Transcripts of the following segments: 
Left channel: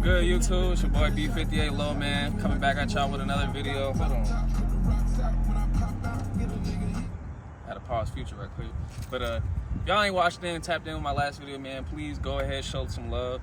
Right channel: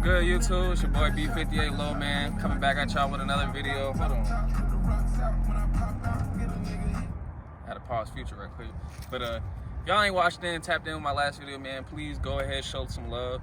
good, YouTube? It's your boy B58 Low Man coming back at y'all with another video. Hold on. I had to pause Future right quick. But if y'all ain't watched in, tapped in with my last video, man, please go ahead, show some love.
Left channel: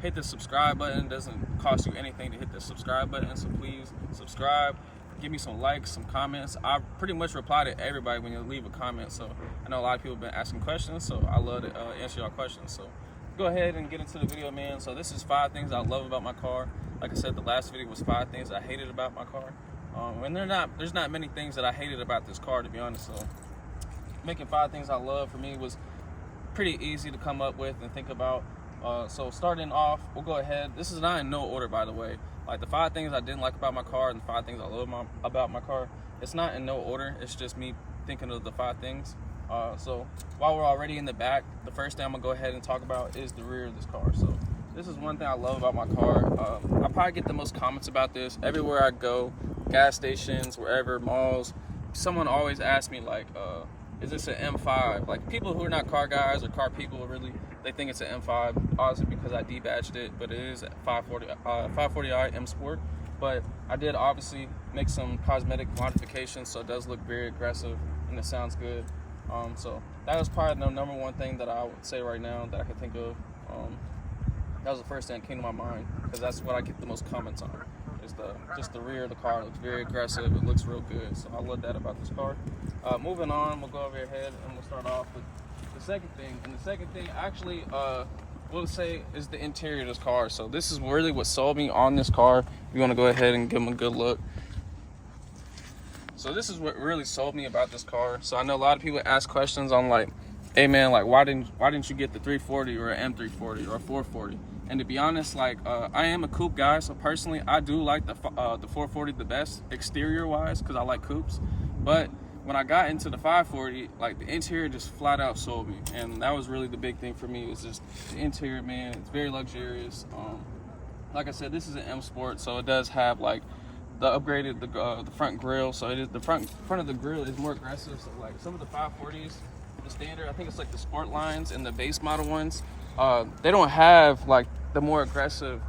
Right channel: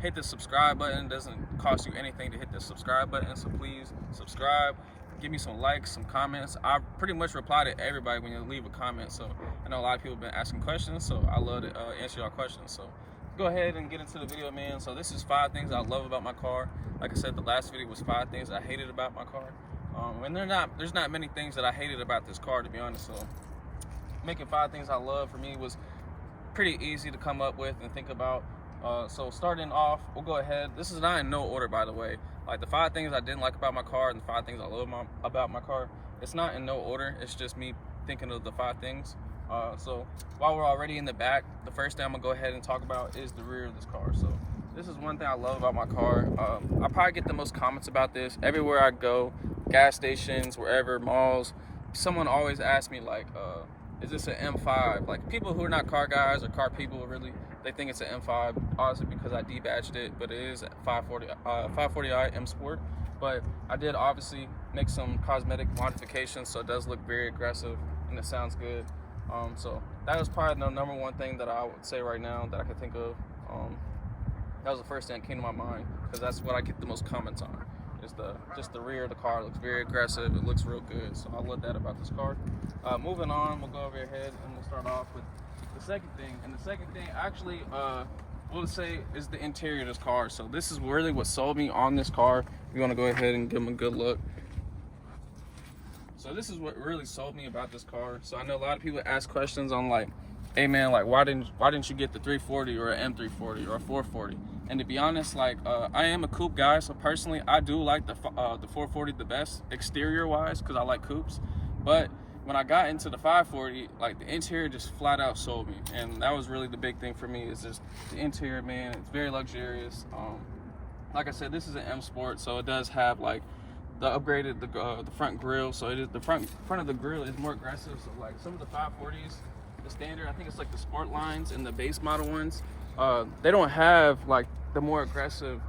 Hit the subscribe button. It doesn't cost you anything to hit the subscribe button, so please subscribe. Give me some likes, some comments. I pretty much reply to everybody when you leave a comment, so I know a lot of people have been asking questions, so I love to answer y'all questions. So go ahead and get into the video, man. So this is 5 things I love about my car. Like I said, the last video was 5 things I hated about my car. And there's not many things that I hated about this car, to be honest. So making 5 things I love for me was pretty easy to come up with and think about. So starting off, we'll go ahead. This is not in no order, by the way. Like the 5 things I didn't like about my car and the 5 things I love about my car. It's not in no order. It's just me thinking of the 5 things. So while we're already in the back, the first thing I'm gonna go ahead and talk about is the rear of this car. So this is one thing I love about my car. I probably get the most comments about this everywhere I go, gas stations, wherever, malls. Someone always asks me like, is this an M5? Like people who are not car guys or car people, really, they think it's an M5, obviously because I debadged it, but it is a 540i M Sport. But I did obviously make some cosmetic modifications, so it does look very aggressive and it sounds good. So that was probably the number one thing that I would say right now that I could think of. That was the first thing that came to my mind because that's what I get the most comments on. Is just the rear of the car. It looks very aggressive. It looks real good. So I love that about this car. Moving on, we'll go over ahead and we'll start off with the second thing. And the second thing actually, we'll say is the interior of this car. So this is really what sold me on this car. You want to go ahead and give them a good look. So this is what really sold me about this car. So I know a lot of people ask questions on like, hey man, like why didn't you get the 340 or an M340 or a 440? And to be honest, like I am a coupe guy, so personally I do like the 440 the best exterior wise because I like coupes. But when I got into the 540, like the interior just flat out sold me, and that was really the big thing for me. Is just the interior, man. It's very luxurious. Like I said, this is an M Sport, so it does have like the upgraded the front grille. So it is the front of the grille is more aggressive. So like some of the 540s, the standard, I think it's like the sport lines and the base model ones, they don't have like the more aggressive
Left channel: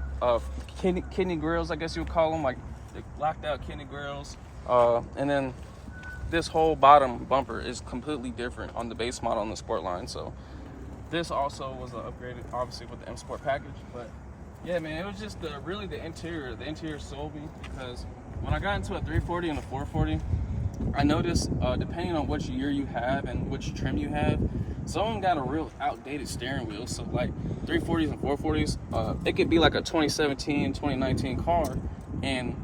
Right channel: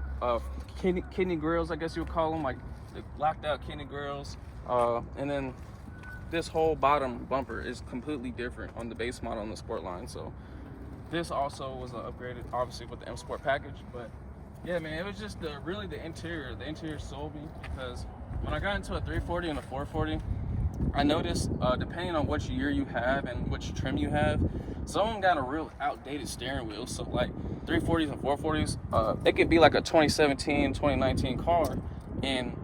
kidney grills, I guess you would call them, like the blacked out kidney grills. And then this whole bottom bumper is completely different on the base model on the sport line. So this also was upgraded obviously with the M Sport package. But yeah, man, it was just really the interior. The interior sold me because when I got into a 340 and a 440, I noticed depending on which year you have and which trim you have, some of them got a real outdated steering wheel. So like 340s and 440s, it could be like a 2017, 2019 car and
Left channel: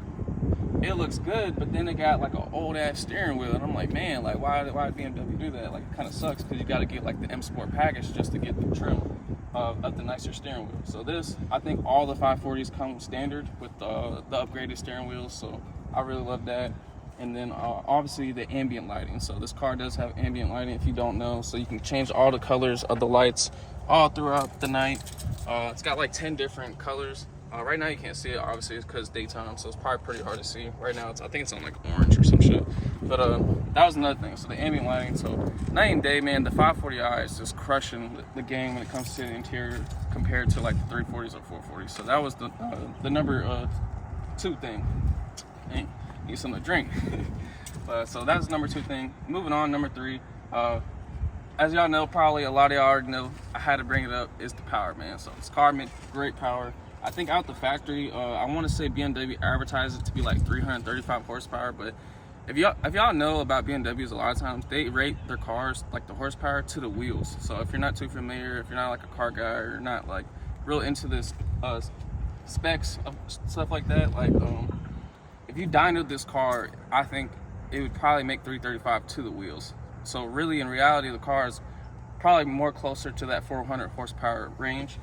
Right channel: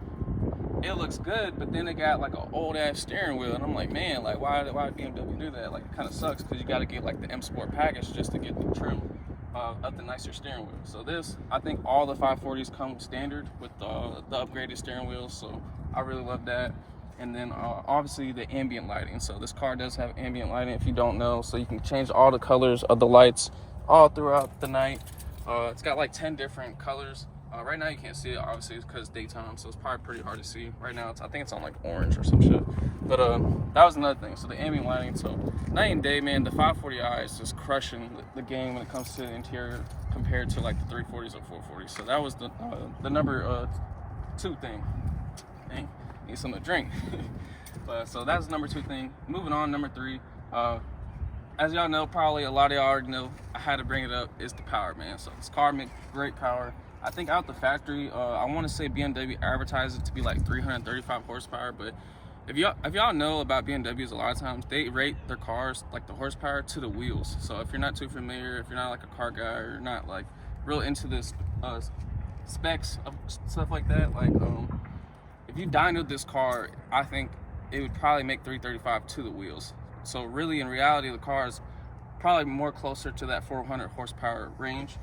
it looks good, but then it got like an old ass steering wheel, and I'm like, man, like why did BMW do that? Like it kind of sucks because you got to get like the M Sport package just to get the trim of the nicer steering wheel. So this, I think all the 540s come standard with the upgraded steering wheels, so I really love that. And then obviously the ambient lighting. So this car does have ambient lighting if you don't know, so you can change all the colors of the lights all throughout the night. It's got like 10 different colors. Right now you can't see it, obviously, it's because it's daytime, so it's probably pretty hard to see. Right now, I think it's on like orange or some shit. But that was another thing. So the ambient lighting, so night and day, man, the 540i is just crushing the game when it comes to the interior compared to like the 340s or 440s. So that was the number 2 thing. Dang, need something to drink. So that was number 2 thing. Moving on, number 3. As y'all know, probably a lot of y'all already know, I had to bring it up, is the power, man. So this car makes great power. I think out the factory, I want to say BMW advertised it to be like 335 horsepower, but if y'all know about BMWs, a lot of times they rate their cars like the horsepower to the wheels. So if you're not too familiar, if you're not like a car guy or you're not like real into this specs of stuff like that, like if you dynoed this car, I think it would probably make 335 to the wheels. So really, in reality, the car is probably more closer to that 400 horsepower range.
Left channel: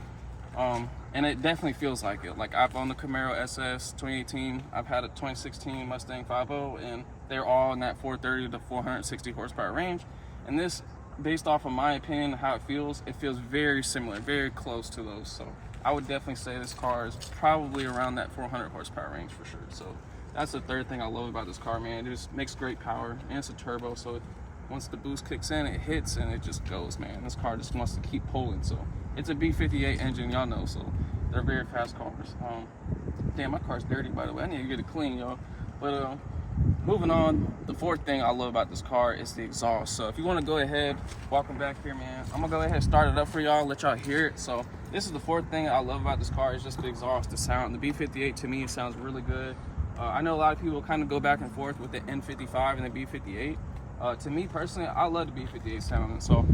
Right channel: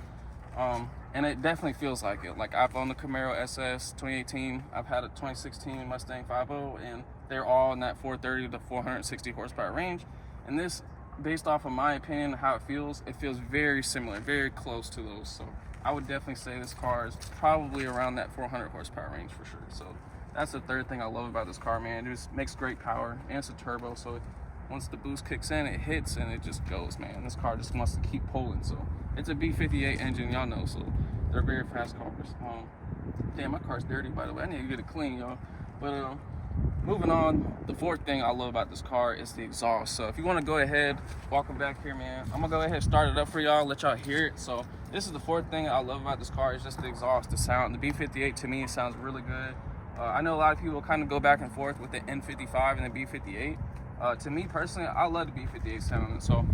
And it definitely feels like it. Like I've owned the Camaro SS 2018, I've had a 2016 Mustang 5.0, and they're all in that 430 to 460 horsepower range. And this, based off of my opinion, how it feels very similar, very close to those. So I would definitely say this car is probably around that 400 horsepower range for sure. So that's the third thing I love about this car, man. It just makes great power, and it's a turbo, so once the boost kicks in, it hits and it just goes, man. This car just wants to keep pulling. So it's a B58 engine, y'all know, so They're very fast cars. Damn, my car's dirty, by the way. I need to get it clean, y'all. But moving on, the fourth thing I love about this car is the exhaust. So if you want to go ahead, welcome back here, man. I'm gonna go ahead and start it up for y'all, let y'all hear it. So this is the fourth thing I love about this car, is just the exhaust, the sound. The B58 to me sounds really good. I know a lot of people kind of go back and forth with the N55 and the B58. To me personally, I love the B58 sound. And so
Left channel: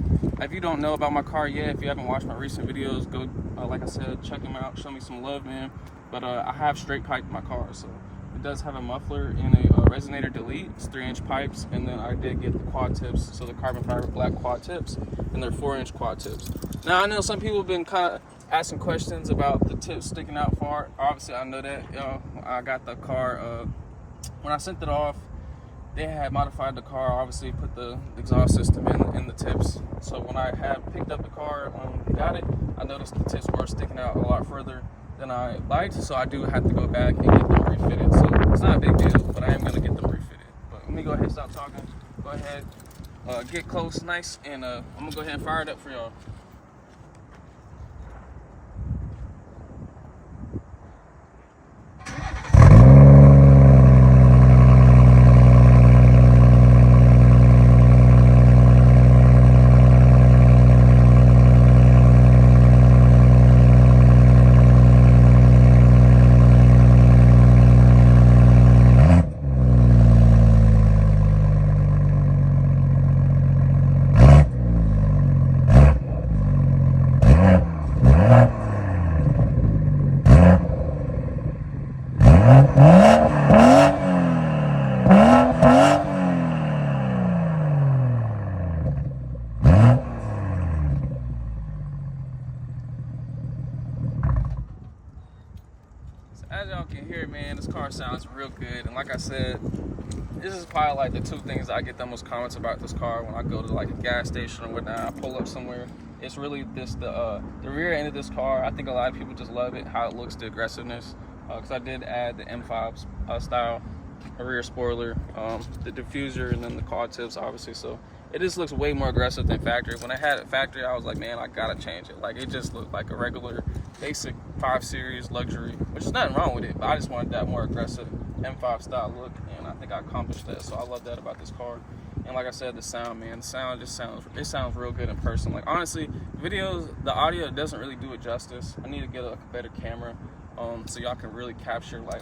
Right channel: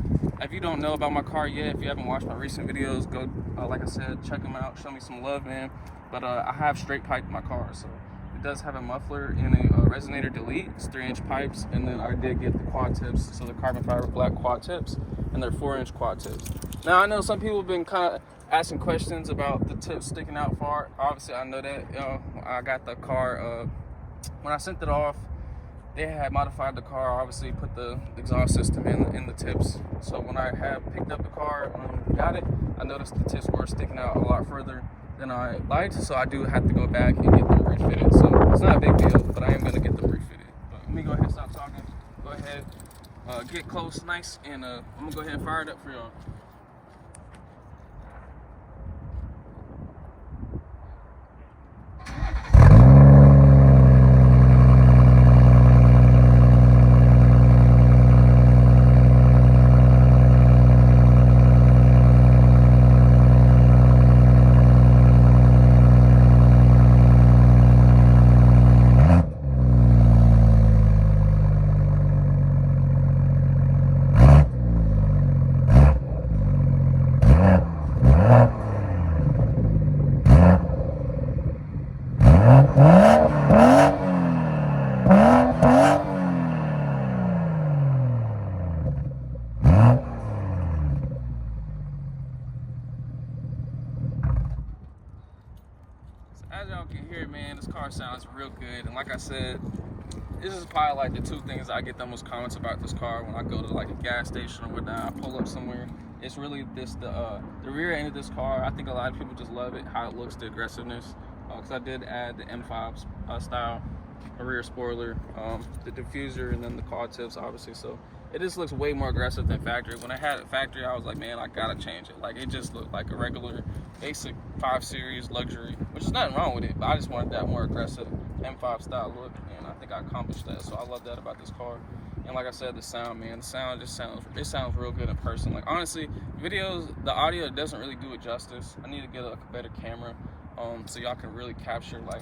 if you don't know about my car yet, if you haven't watched my recent videos, go, like I said, check them out, show me some love, man. But I have straight pipe in my car, so it does have a muffler and a resonator delete. It's 3-inch pipes, and then I did get the quad tips, so the carbon fiber black quad tips, and they're 4-inch quad tips. Now I know some people have been kind of asking questions about the tips sticking out far. Obviously I know that, I got the car, when I sent it off, they had modified the car, obviously put the exhaust system in the tips. So when I had picked up the car, got it, I noticed the tips were sticking out a lot further than I liked, so I do have to go back and get them refitted. So it's not a big deal, but I am gonna get them refitted. But let me go ahead and stop talking. Go ahead, get close, nice, and I'm gonna go ahead and fire it up for y'all. As y'all can hear, man, this car sounds real good. And like I said, this is probably like the two things I get the most comments about this car when I go to like a gas station or whatnot. I pull up somewhere. It's really this the rear end of this car. I think a lot of people just love it, how it looks, the aggressiveness. Because I did add the M5 style, a rear spoiler, the diffuser, and then the quad tips, obviously. So it just looks way more aggressive than factory. When I had it factory, I was like, man, I gotta change it. Like, it just looked like a regular, basic 5 Series luxury, which is nothing wrong with it, but I just wanted that more aggressive M5 style look, and I think I accomplished that. So I love that about this car. And like I said, the sound, man, the sound just sounds real good in person. Like, honestly, videos, the audio doesn't really do it justice. I need to get a better camera, so y'all can really capture like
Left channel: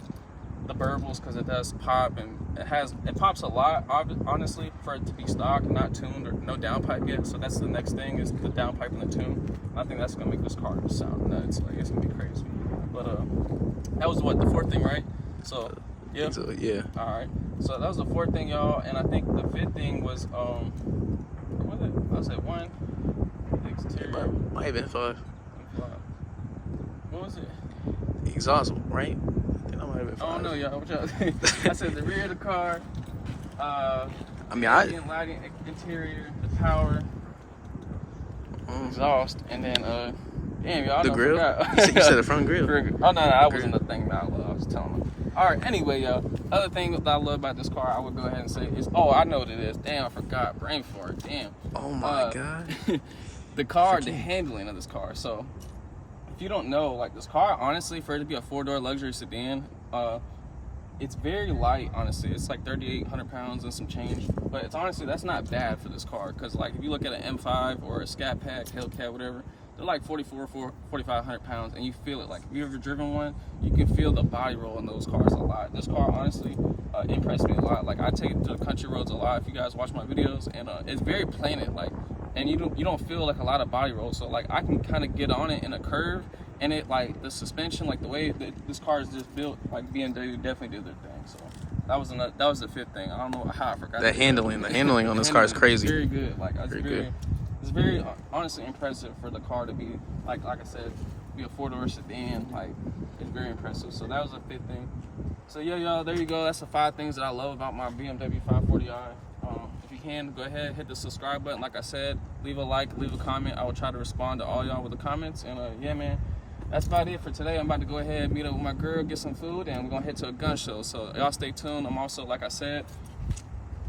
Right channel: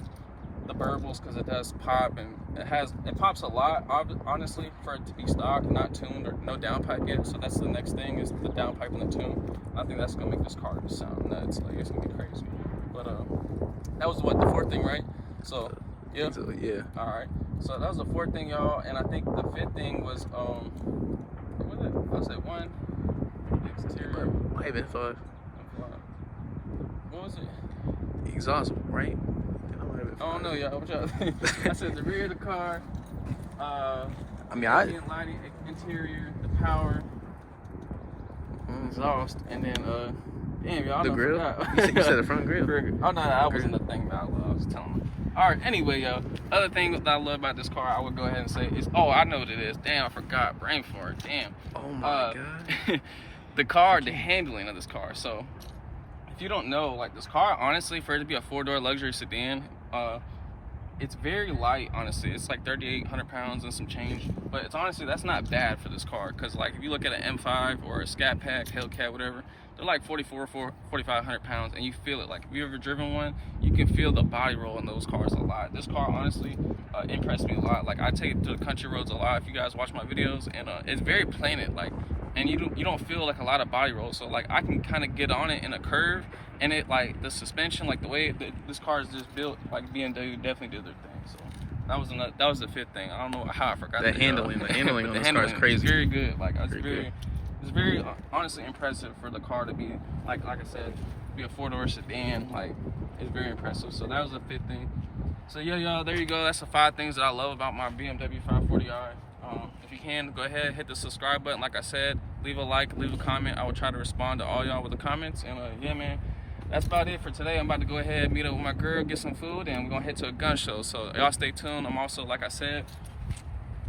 the burbles, because it does pop, and it pops a lot, honestly, for it to be stock, not tuned, or no downpipe yet. So that's the next thing, is the downpipe and the tune. I think that's gonna make this car just sound nuts. Like, it's gonna be crazy. But that was what, the fourth thing, right? So yeah. So, yeah. All right. So that was the fourth thing, y'all, and I think the fifth thing was what was it? I said one. Exterior. Might have been 5. What was it? Exhaust, right? I don't know, y'all. What y'all think? I said the rear of the car. I mean, lighting, interior, the power, exhaust, and then damn, y'all. The grill. You said the front grill. Oh no, that wasn't the thing that I love. I was telling them. All right. Anyway, y'all. Other thing that I love about this car, I would go ahead and say is, I know what it is. Damn, I forgot. Brain fart. Damn. Oh my god. The handling of this car. So, if you don't know, like, this car, honestly, for it to be a 4-door luxury sedan, it's very light, honestly. It's like 3,800 pounds and some change, but it's honestly, that's not bad for this car, because like if you look at an M5 or a Scat Pack, Hellcat, whatever, they're like 4,500 pounds, and you feel it. Like, if you've ever driven one, you can feel the body roll in those cars a lot. This car honestly impressed me a lot. Like, I take it to the country roads a lot, if you guys watch my videos, and it's very planted, like, and you don't feel like a lot of body roll. So like, I can kind of get on it in a curve, and it, like, the suspension, like the way this car is just built, like BMW definitely did their thing. So that was the fifth thing. I don't know how I forgot the handling on this car is crazy. Very good. Like, it's very honestly impressive for the car to be like I said, be a 4-door sedan. Like, it's very impressive. So that was the fifth thing. So yeah, y'all, there you go. That's the 5 things that I love about my BMW 540i. If you can, go ahead, hit the subscribe button. Like I said, leave a like, leave a comment. I will try to respond to all y'all with the comments. And yeah, man, that's about it for today. I'm about to go ahead and meet up with my girl, get some food, and we're gonna head to a gun show. So y'all stay tuned. I'm also, like I said,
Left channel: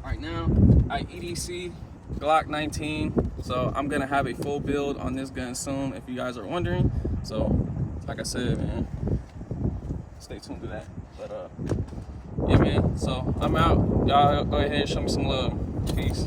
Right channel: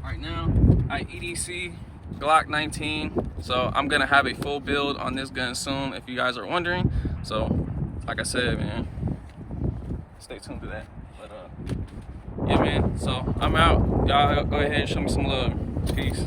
right now, I EDC Glock 19. So I'm gonna have a full build on this gun soon, if you guys are wondering. So like I said, man, stay tuned to that. But yeah, man. So I'm out. Y'all go ahead and show me some love. Peace.